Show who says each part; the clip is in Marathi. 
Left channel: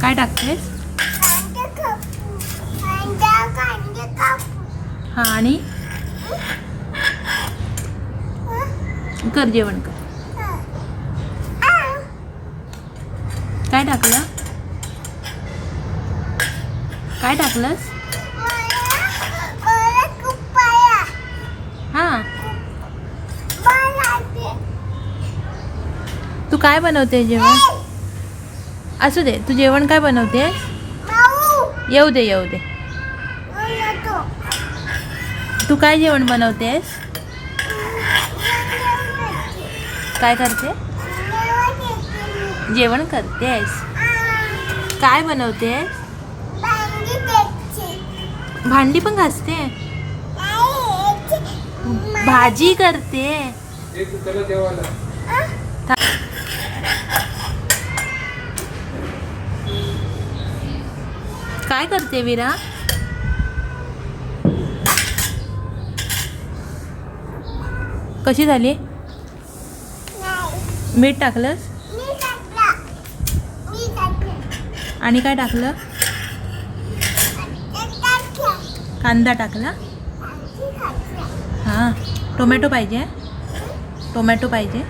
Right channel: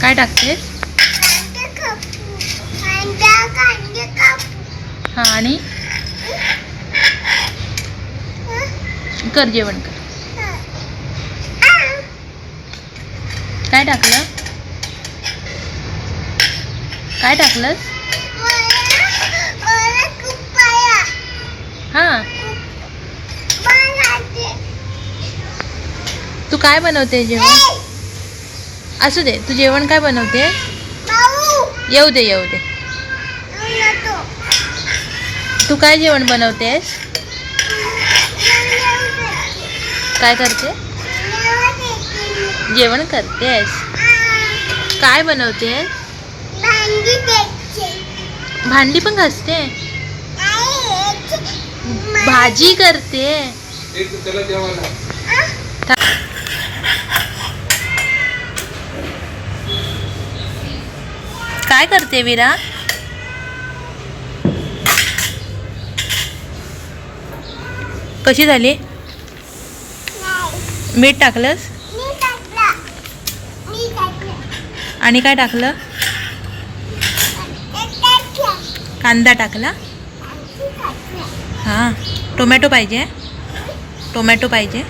Speaker 1: काय टाकतेस? हां आणि? कर जेवण कर. काय टाकलं? काय टाकलंस? हां.
Speaker 2: तू
Speaker 1: काय बनवते जेवण? असू दे तू जेवण काय बनवते? येऊ दे येऊ दे.
Speaker 2: तो
Speaker 1: काय जेवण बनवतेस? काय करते? जेवण करतेस. काय बनवतेस?
Speaker 2: भांडी
Speaker 1: पण घासते? भाजी करते? काय करते विरा? कशी झाली? मीठ टाकलंस? आणि काय टाकलं? कांदा
Speaker 2: टाकला?
Speaker 1: हां. टोमॅटो पाहिजे. टोमॅटो पाहिजे.